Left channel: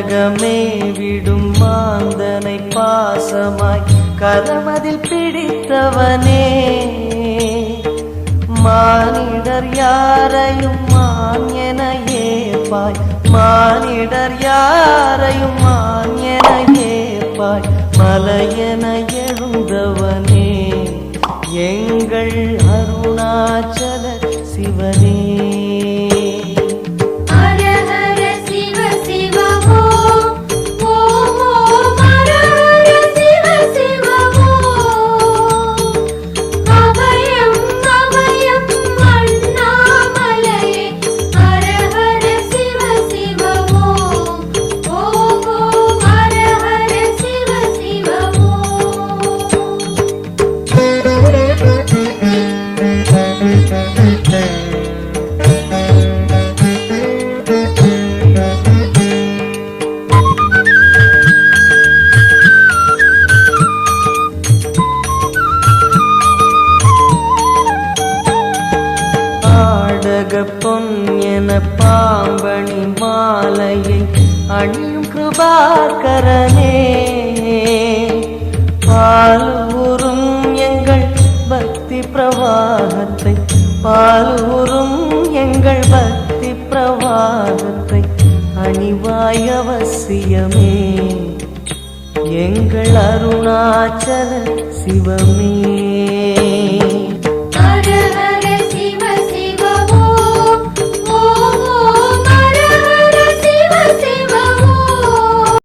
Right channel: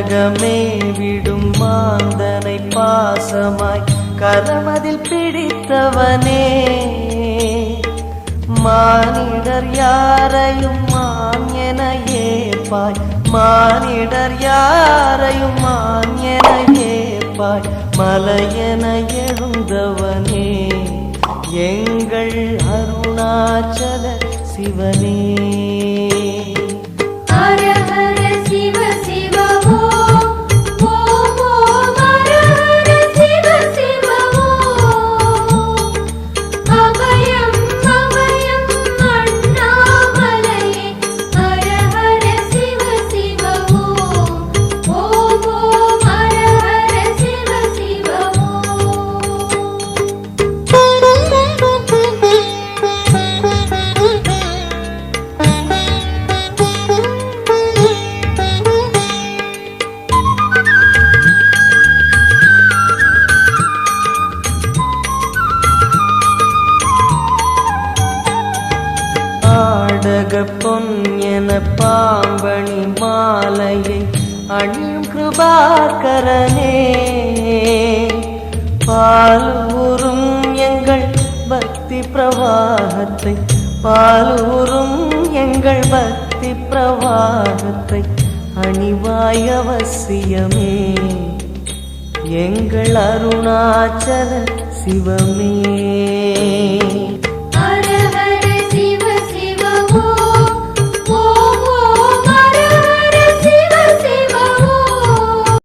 நாடகமே விடும் மாந்தனை பாசமாய் கதமதில் பிடித்தவனே மானிடர் யாரையும் மான் என ஏப்பாய் மானிடர் யாரையும் மான் என ஏப்பாய் எழுந்தவனே எங்கள் அருணாச்சல சிவனே பரக பொன்ன பாம்பணி மாலையை அணியும் கிருபாகரனே பால் ஊறும் எங்கள் பக்தி பிரவாகத்தை பால் ஊறும் எங்கள் பக்தி பிரவாகத்தை அணிவாய் அவசியமே எங்கள் அருணாச்சல சிவமே